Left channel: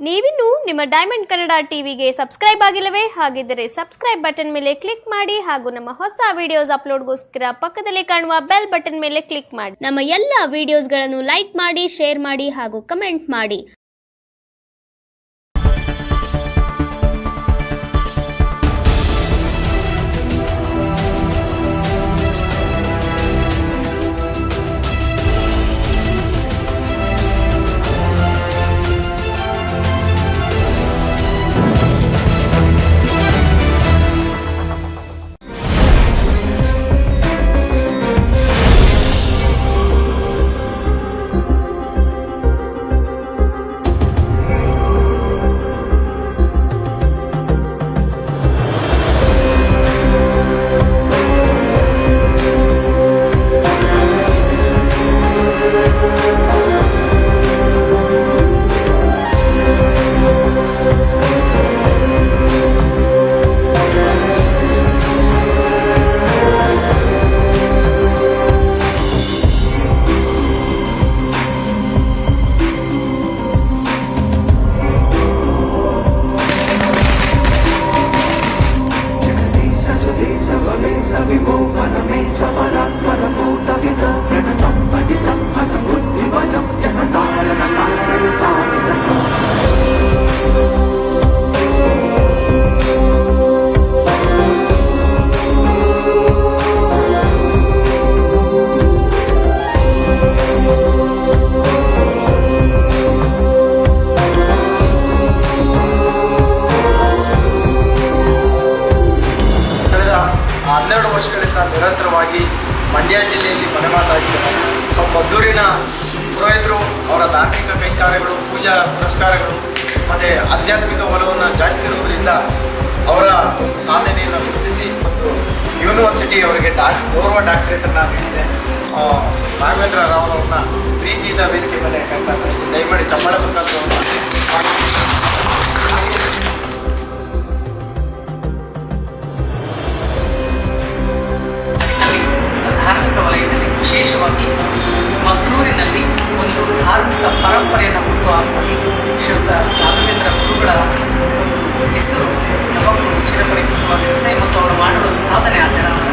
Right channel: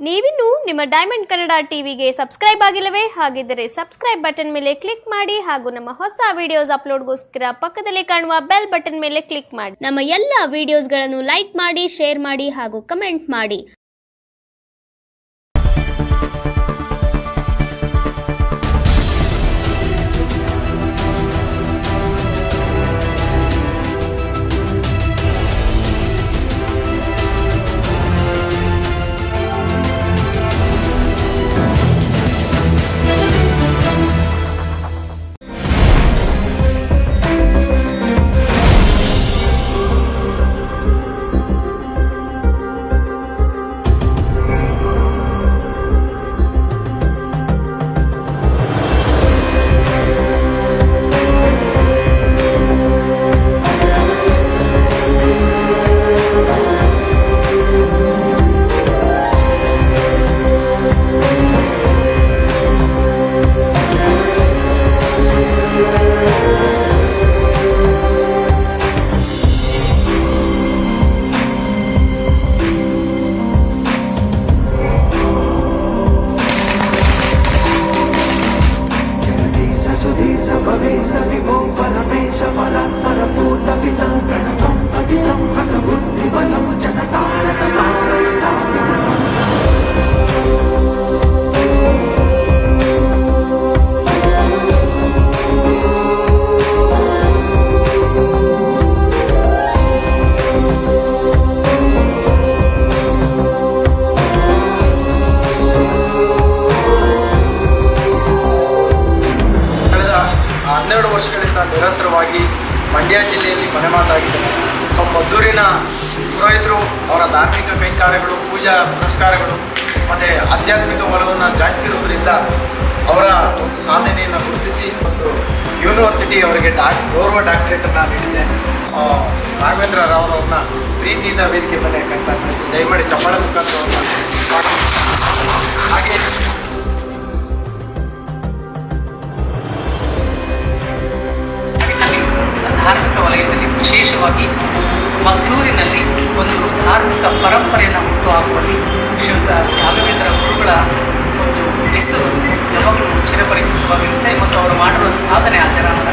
ನೀವಿನ್ನು ನಿಮ್ಮ ಡೈಮಂಡ್ ಕನ್ನಡ ಟಿವಿಗೆ ಸಬ್ಸ್ಕ್ರೈಬ್ ಆಗಿಲ್ಲವೇ? ಹಾಗಿದ್ದರೆ ಸಬ್ಸ್ಕ್ರೈಬ್ ಬಟನ್ ಮೇಲೆ ಕ್ಲಿಕ್ ಮಾಡಿ ಹಾಗೂ ನಮ್ಮ ಹೊಸ ವಿಡಿಯೋಸ್ ಅಪ್ಲೋಡ್ಗೋಸ್ಕರ ಪಕ್ಕದಲ್ಲಿ ಕಾಣುವ ಬೆಲ್ ಬಟನ್ ಮೇಲೆ ಕ್ಲಿಕ್ ಮಾಡಿ. ನಮ್ಮ ಎಲ್ಲ ವಿಡಿಯೋಸ್ಗಳನ್ನು ಲೈಕ್ ಮಾಡಿ, ಶೇರ್ ಮಾಡಿ ಹಾಗೂ ಕಮೆಂಟ್ ಮಾಡಿ. ಹನ್ನೆರಡು ವರ್ಷಗಳಿಂದ ನಿರಂತರವಾಗಿ ಮಂಡ್ಯ ಜಿಲ್ಲೆಯಲ್ಲಿ ಮನೆಮಾತಾಗಿದ್ದೇನೆ. ಮದ್ದೂರಿನ ಪುರೋಹಿತರು ಅವರ ಧಾರ್ಮಿಕ ಕೈಂಕಾರ್ಯಗಳು, ಪೂಜಾ ಪುರಸ್ಕಾರಗಳು ಮತ್ತು ಆಧ್ಯಾತ್ಮಿಕ ಒಲವನ್ನು ಜಾಸ್ತಿ ಇರುವುದರಿಂದ ಅವರ ಒಂದು ಸಾಧನೆಯನ್ನು ಗುರುತಿಸಿ ಒಂದು ಯೂನಿವರ್ಸಿಟಿ ಅವರಿಗೆ ಗೌರವ ಡಾಕ್ಟರೇಟನ್ನು ನೀಡಿದೆ. ರಾಘವೇಂದ್ರ ರಾವ್ ಅವ್ರನ್ನ ಪ್ರೀತಿಯಿಂದ ವೇದಿಕೆ ಮೇಲೆ ಕರ್ತಾ ಇದ್ದೀನಿ. ದಯಮಾಡಿ ಚಪ್ಪಾಳೆ ಮುಖಾಂತರ ಹಾಗೆ ಧಾರ್ಮಿಕ ವಲಯದಲ್ಲಿ ವಿಶೇಷವಾಗಿ ಮದ್ದೂರಿನಲ್ಲಿ ಒಂದು ಧಾರ್ಮಿಕ ಪರಂಪರೆಯನ್ನು ಹುಟ್ಟುಹಾಕುವಲ್ಲಿ ಶ್ರೀಯುತ ರಾಘವೇಂದ್ರ ಗುರುಗಳ ಒಂದು ಹೆಸರು ಯಾವಾಗಲೂ ಚಿರಪರಿಚಿತವಾಗಿರುತ್ತೆ ಮತ್ತು ಅವರು ಮಾಡುವ ಸಾಧನೆ ಆಚರಣೆ